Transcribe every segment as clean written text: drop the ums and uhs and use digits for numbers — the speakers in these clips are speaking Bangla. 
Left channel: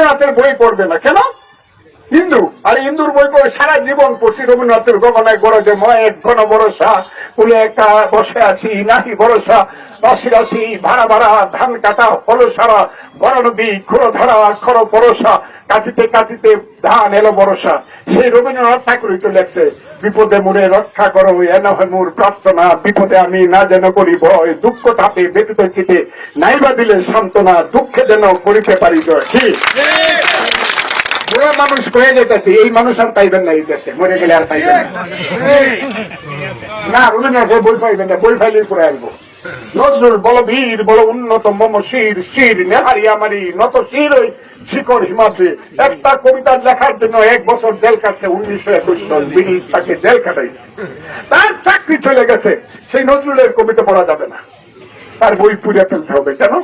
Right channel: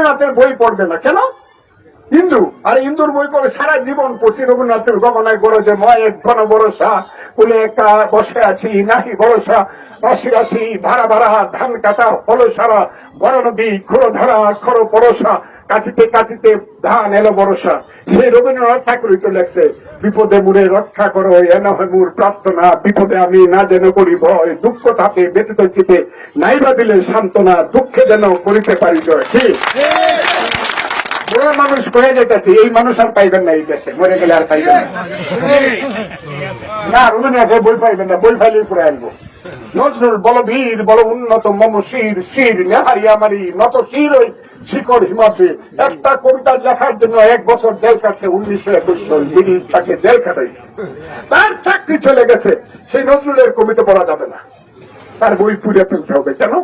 রবীন্দ্রনাথের বই পড়বে না কেন? হিন্দু, আর হিন্দুর বই পড়ে সারা জীবন পড়ছি রবীন্দ্রনাথের গগনায় গরজে ময়ের ঘন ভরসা, কুলে একটা বসে আছি নাহি ভরসা, রাশি রাশি ভাড়া ভাড়া ধান কাটা ফল সারা, বড় নদী খোড় ধরা খর পরশা, কাটিতে কাটিতে ধান এলো বরসা। সেই রবীন্দ্রনাথ ঠাকুরই তো লেখছে, বিপদে মুড়ে রক্ষা করো এ নহে মোর প্রার্থনা, বিপদে আমি না যেন করি ভয়, দুঃখ তাপে ব্যতীত চিতে নাইবা দিলে সান্ত্বনা, দুঃখে যেন করিতে পারি জয়। ঠিক বুড়ো মানুষ হয়ে যেতেছে, এই মানুষ আর পাইবেন না এই দেশে, মরে গেলে আর পাইবেন না। রবীন্দ্রনাথের বই পাইবেন না, বই ফাইলেই করে আনবো। নজরুল বল বীর বল উন্নত মম শির, শির নেহারি আমারি নত শির ওই শিকড় হিমাদ্রি। একটা কবিতা লেখার জন্য 1 বছর জেল কাটছে 1921 সাল, যিনি তাকে জেল কাটাইছে, তার চাকরি চলে গেছে। সেই নজরুলের কবিতা পড়া যাবে না, তার বই পুড়ে ফেলতে হবে। কেন?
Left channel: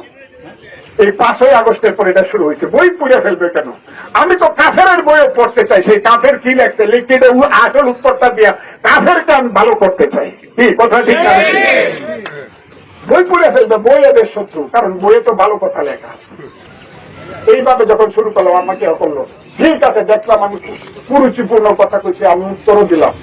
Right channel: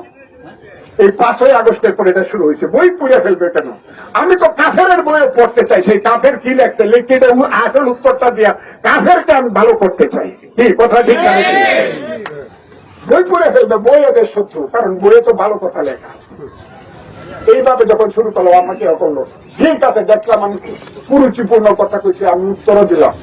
এই 5ই আগস্টের পর এটা শুরু হয়েছে, বই পুড়ে ফেলবে কেন? আমি তো কাফেরের বইয়ে পড়তে চাই, সেই কাফের কি লেখছে লিখতে আসল উত্তরটা দিয়া কাফেরকে আমি ভালো করতে চাই। কি কথা ঠিক না? বই পুড়ে ফেলবে, বই এদের শত্রু, কারণ বইয়ে তো ভালো কথা লেখা। এইভাবে যখন শুরু করলো আমাকে করলো, ঠিক আছে দেখলাম আমি কুরুচিপূর্ণ কথা কইছি, আমি উত্তরও দিলাম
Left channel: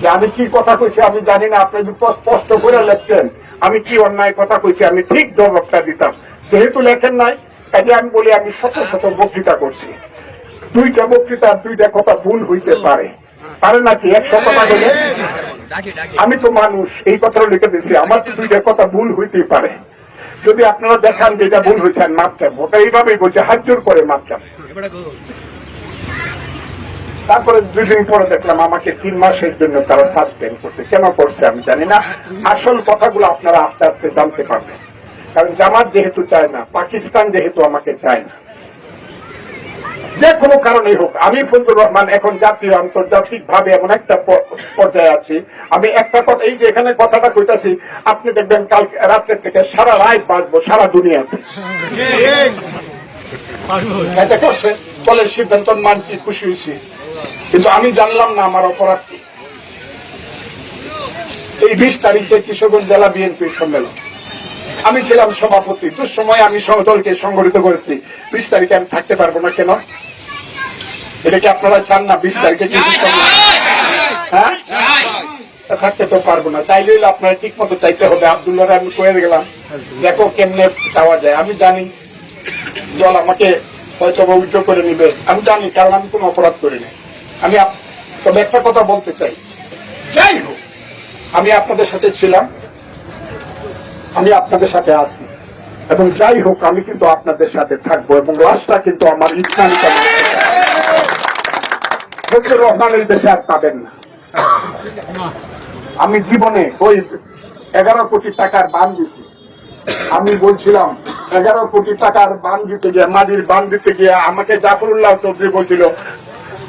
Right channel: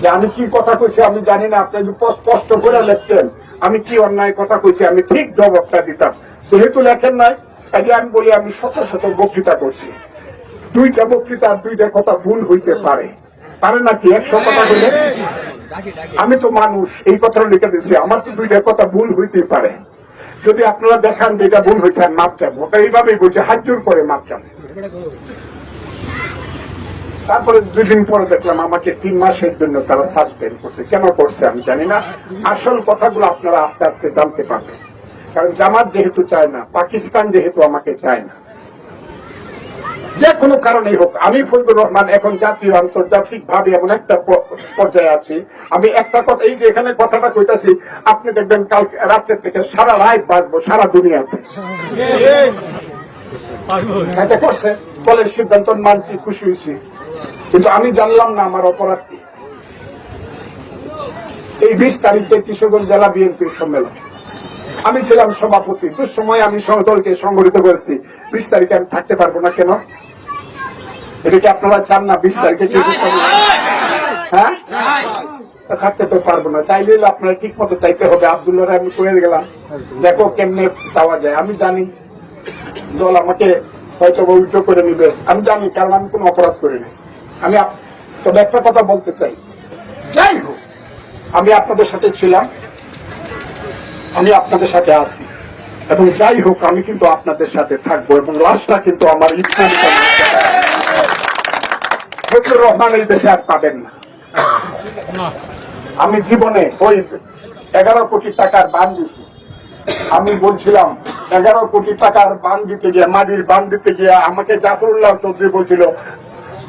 যে আমি কি কথা কইছি আমি জানি না, আপনি যদি স্পষ্ট করে লিখতেন আমি কি অন্যায় কথা কইছি আমি ঠিক জবাবটা দিতাম। যেহেতু লেখেন নাই, কাজে আমি বলি আমি শত শত বক্তৃতা করছি, 2টা বক্তৃতা 2টা কথা ভুল হইতে পারে, পারে নাকি? 100 কথা বলে আমি তো মানুষ, এই কথাটা লিখে দিচ্ছি, আমার তো 2টা কথা ভুল হইতেই পারে। যদি আপনারা দেখান যে এটা ভুল হয়েছে মাপতাম, ওটা এইভাবেই বলছে, হাত জোর করে মাপতাম। তারপরে 2 দিন পরে দেখলাম আমাকে 3 মাসের জন্য তারা সাসপেন্ড করছে। কেন করছে আমি জানি না, আসল কথাগুলো আপনারা আস্তে আস্তে জানতে পারবেন। কারণ জামাত যেহেতু চায় না, পাকিস্তান যেহেতু আমাকে চায় না, যে কোনো কারণেই হোক, আমি ফজলুর রহমান এখন জাতীয় আন্তর্জাতিক ভাবে এমন একটা পর্যায়ে আছি, আমি একটা কথা, এই যে এখানে কথাটা কইতাছি, আপনি দেখবেন কাল রাত্রে থেকে সারা রাত বাঁচবো সারা দুনিয়াতে। এটা করছে দলের সিদ্ধান্ত মানছি, খুশি হয়েছি, কিন্তু আমি জানলাম না আমার অপরাধ কি। এই 20 তারিখে কিশোরগঞ্জ জেলা বিএনপির সম্মেলন, আমি ছিলাম সভাপতি, দুঃসময়ে আমি দলকে সংগঠিত করেছি। 20 তারিখে আমি থাকতে পারবো না কেন? এটা কি আপনারা চান না 20 তারিখে? হ্যাঁ, থাকতে তো পারবো না, চাইলে আপনারা ঠিক মতো চাইতে হবে। আব্দুল্লাহ আমি করে গেলাম, দেখো কেমনে চাওয়া যায়। আমি জানি দল আমাকে হয়তো পবিত্র করে নিবে, আমি জানি, কারণ আমি কোনো অপরাধ করিনি। আমি তবে একটা কথা বলতে চাই, যাই হোক আমি আপনাদের সাথে ছিলাম, আমি আপনাদের সাথে আছি, এবং যাই হোক আমি কিন্তু আপনাদের সাথে থাকবো, এবং লাশটা কিন্তু আমার ইসলামী ফজলুর রহমানের দেশে আর পাবেন না। আমি জীবনে ওই 11 কোটি টাকার বান দিছি, আমি বলছিলাম 11 কোটি টাকার বান দিতে গিয়ে, মাটির বান দিতে গিয়ে আমাকে জাফরুল্লাহ চৌধুরী বলছিল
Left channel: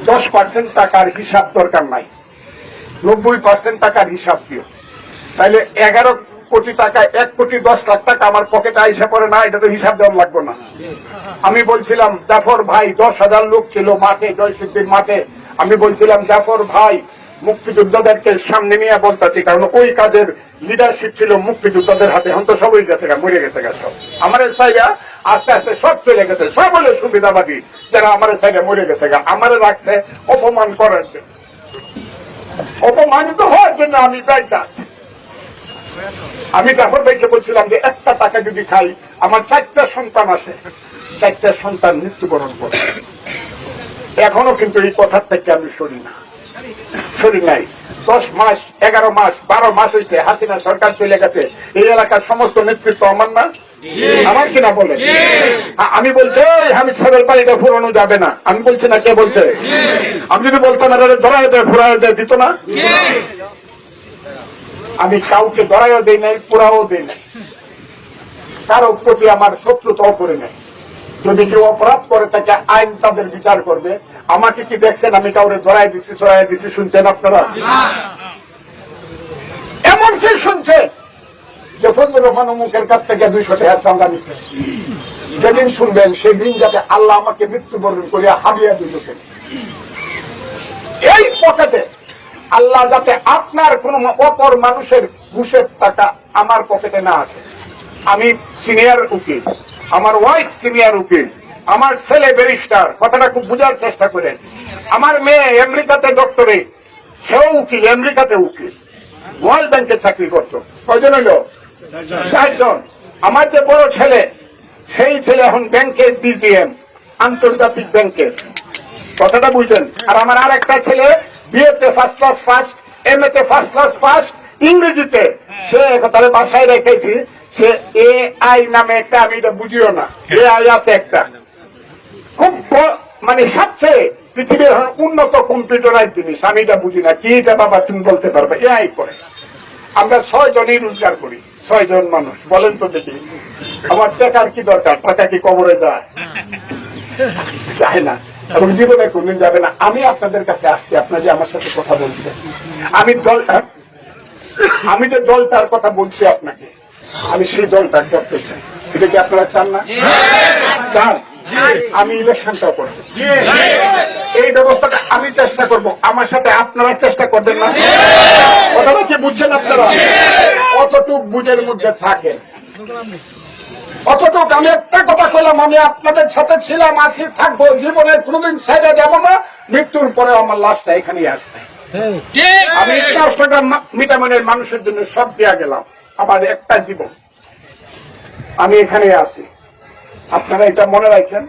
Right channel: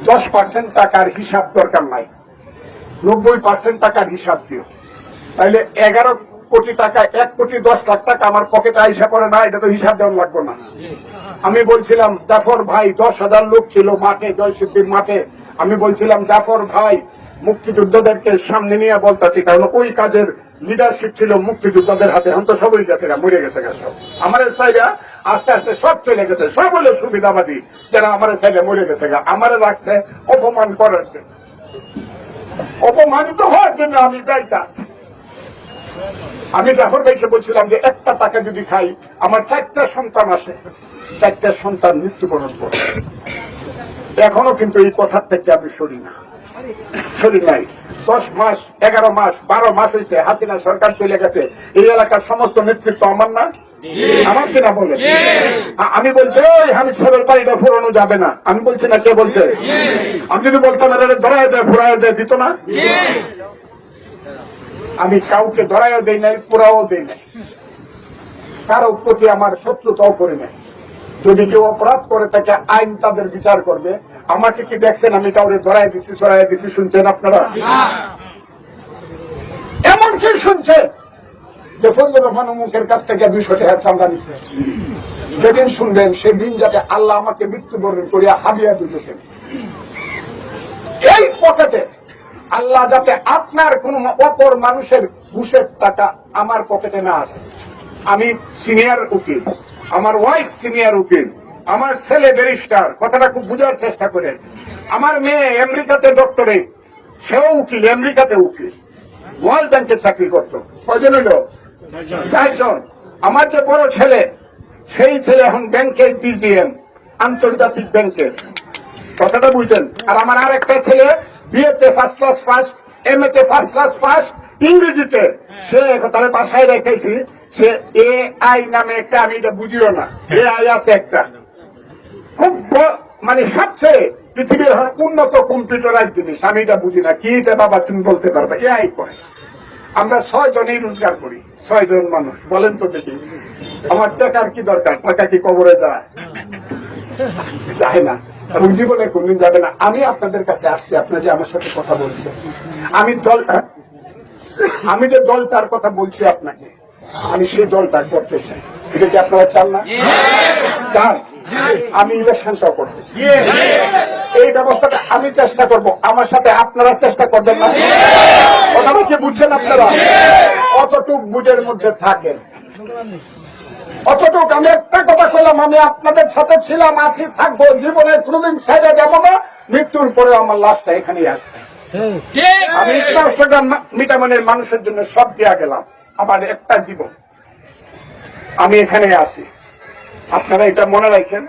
10% টাকার হিসাব দরকার নাই, 90% টাকার হিসাব দিও। তাইলে 11 কোটি টাকা 1 কোটি 10 লাখ টাকা আমার পকেটে আইসা করে না, এটা তো হিসাব দেওয়া লাগবে না। আমি বলছিলাম জাফর ভাই, 10,000 লোক ছিল মাঠে, জয়সিদ্ধির মাঠে, আমি বলছিলাম জাফর ভাই মুক্তিযোদ্ধাদেরকে সামনে নিয়ে বলতেছি, কারণ ওই কাজের লিডারশিপ ছিল মুক্তিযোদ্ধাদের হাতে, এখন তো সবই গেছে গা, মরে গেছে গা সব। আমার সাইডা আস্তে আস্তে সব চলে গেছে, সব হলো সুবিধাবাদী যারা আমার সাইডে মরে গেছে গা, আমারে রাখছে অপমান করার জন্য, অপমানিত হওয়ার জন্য আমি চাইছি। আমি জাফর ভাইকে বলছিলাম যে 1টা টাকা যদি খাই, আমার 4টা সন্তান আছে, 4টা সন্তান মৃত্যুবরণ করে, এখনো কিন্তু এই কথার থেকে আমি সরি নাই। 10 মাস 11 মাস 12 মাস হয়েছে হাসিনা সরকার চলে গেছে, এই এলাকার সমস্ত নেতৃত্ব আমার না, আমার কিনা বলে? আমি বলছি হামিদ সাহেবের বাড়িটা ফুরানো যাবে না, আমি বলছি না, কে বলছে? আমি যদি বলতাম ধরায় দেয় ফুরায় দেয়, দিত না। আমি কাউকে ধরাইও দেই নাই, পুরাও দেই নাই, কারো প্রতি আমার শত্রুতাও করি নাই। যদি কেউ অপরাধ করে তাকে আইন তাদের বিচার করবে। আমাকে কি দেখছেন আমি কাউরে ধরাই দিছি, চড়াই দিছি? শুনছেন আপনারা? এমন কি শুনছে যে ফজলুর রহমান মুখের কাছ থেকে 200 টাকা চাঁদা নিচ্ছে? যেদিন শুনবেন সেদিন যাতে আল্লাহ আমাকে মৃত্যুবরণ করিয়া হাবিয়া দিতেছেন। এই পকেটে আল্লাহ যাতে আপনার কোন অপর মানুষের ঘুষের টাকা আমার পকেটে না আসে। আমি সিনিয়র উকিল, আমার ওয়াইফ সিনিয়র উকিল, আমার ছেলে ব্যারিস্টার, কথাটা খুব বোঝার চেষ্টা করেন। আমার মেয়ে আমেরিকাতে ডক্টরেট, সেও উকিল, আমেরিকাতে উকিল, ওয়ার্ল্ড ব্যাংকে চাকরি করতো। কয়জন হলো? 4 জন। আমার যে বড় ছেলে, সেই ছেলে এখন ব্যাংকের ডিজিএম, আন্তর্জাতিক ব্যাংকের, কথাটা বুঝলেন। আর আমার আর একটা ছেলে বিএতে ফার্স্ট ক্লাস ফার্স্ট, এম এতে ফার্স্ট ক্লাস ফার্স্ট, ইংরেজিতে সে তার বাসায় রেখেছি, সে AI নামে একটা, আমি এটা বুঝিও না, AI আছে একটা, খুব মানে সবচেয়ে পৃথিবীর উন্নত কম্পিউটারাইজ জিনিস, আমি এটা বুঝি না কি এটা, বাবা তুমি বলতে পারবে। AI করে আমরা 6 জনই রোজগার করি, 6 জন মানুষ, বলেন তো দেখি আমার টাকার কি দরকার? টাকা কি কবরে যায়? যায় না, এবং জীবনে কোনদিন যাবে না। আমি আপনাদের কাছে আসছি, আপনারা যে আমার সাথে কথা বলছেন, আমি যে দলটার কথা বলছি আপনাকে, আমি সেই দলটা করতে চাই। এটা কি আপনারা চান না? চান। আমি ইলেকশনটাও করতে চাই। এই ব্যবস্থাটা আমি চেষ্টা করব, আমার সাথে আপনারা চেষ্টা করবেন না? কথাটা কি বুঝছেন আপনারা? অতটুক বুঝের মধ্যে থাকেন, অতটুক। আমি একটা কথা বললাম, আমি আপনাদের সাথে ছিলাম, আছি, থাকবো, জীবনে কোনোদিন ছেড়ে যাবো না। মৃত্যুর পরে আমার লাশটা এখানেই আসবে। আমি মিটামিনের মানুষের জন্য সব দিয়া গেলাম, আমার একটা জীবন, আমি এখানে আছি। আপনারা এটা মনে রাখেন।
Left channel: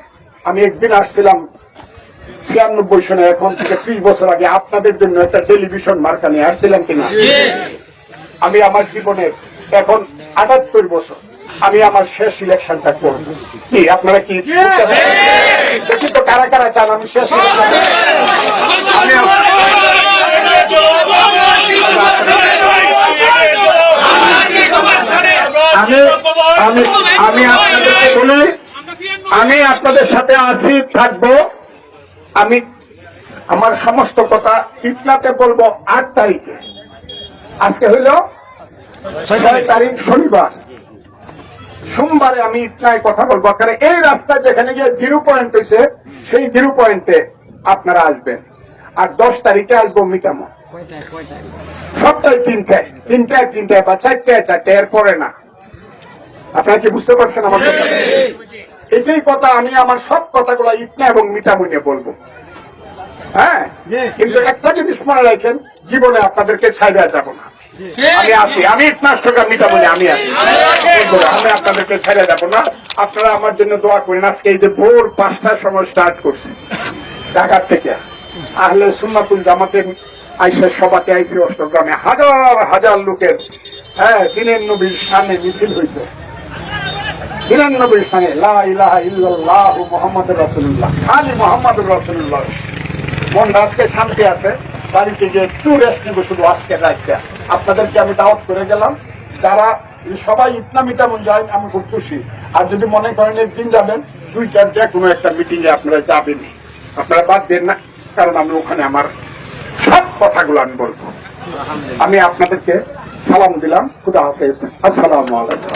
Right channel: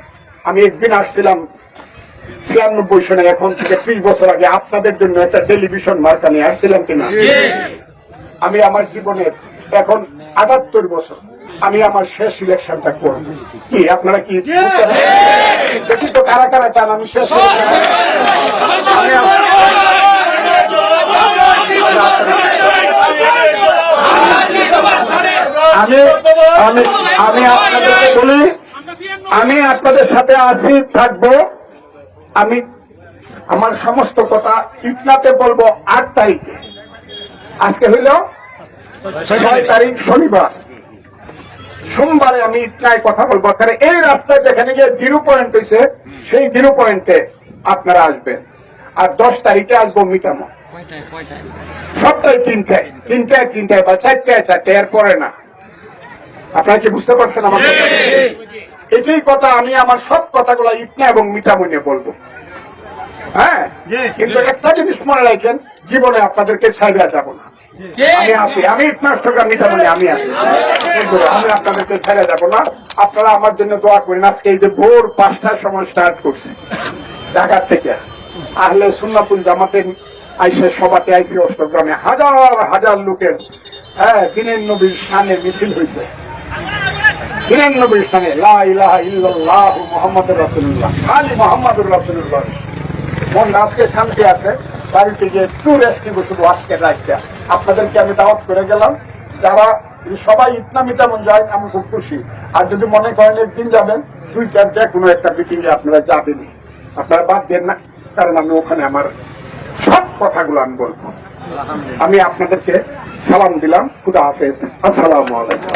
আমি একদিন আসছিলাম 96 সনে, এখন থেকে 30 বছর আগে আপনাদের জন্য একটা টেলিভিশন মার্কা নিয়ে আসছিলাম কিনা? আমি আমার জীবনের এখন 78 বছর, আমি আমার শেষ ইলেকশনটা করব। কি আপনারা কি দেখি তো কারা কারা চান আমি শেষ আমি আপনাদেরকে বলি, আমি আপনাদের সাথে আছি, থাকবো। আমি আমার সমস্ত কথা ইটনাতে বলবো 8 তারিখে। আজকে হইল 6 তারিখ শনিবার, সোমবারে আমি ইটনায় কথা বলবো। কারণ এই রাস্তায় যেখানে গিয়ে 0 পয়েন্ট হয়েছে, সেই 0 পয়েন্টে আপনারা আসবেন। আর 10 তারিখে আসবো মিটানো, সপ্তাহে 3টায় বা 4টায়, এর পরে না। আপনারা কি বুঝতে পারছেন আমার কথা? এটাই কথা, আমি আমার সব কথাগুলো ইটনা এবং মিটামুনে বলবো। হ্যাঁ, কিন্তু একটা জিনিস মনে রাখেন, জীবনে আপনাদেরকে ছাইড়া যাব না। আমি আছি, আমি ইটনাস্টকা মিটামুনে আমি আছি, আমি আপনাদেরকে ছাইড়া যাব না। আপনারা আমার জন্য দোয়া করেন। আজকে এই যে ভোর 5টার সময় স্টার্ট করছে ঢাকার থেকে, আহলে সুন্নাতুল জামাতের আইসা সভাতে আইসি অষ্টগ্রামে, হাজার হাজার লোকের দিনের নবীর শানে মিছিল হয়েছে। দিনের নবীর শানে লা ইলাহা ইল্লাল্লাহু মুহাম্মাদুর রাসূলুল্লাহ, খালি মুহাম্মাদুর রাসূলুল্লাহ। মনটা আজকে শান্তি আছে, বাড়িতে গিয়ে একটু রেস্ট নিব শুধু আজকে রাতটা। আপনাদেরকে আমি দাওয়াত করে গেলাম, যারা সবাই ইটনা মিটামুন যায়, আমি খুব খুশি। আর যদি মনে করেন একদিন যাবেন, 2টার যে কোনো একটা মিটিং এ আপনারা যাবেনই, আপনারা বাদ দেন না, কারণ আমি ওখানে আমার সব কথাগুলো আমি বলবো। আমি আপনাদেরকে সালাম দিলাম, খুদা হাফেজ, আসসালামু আলাইকুম।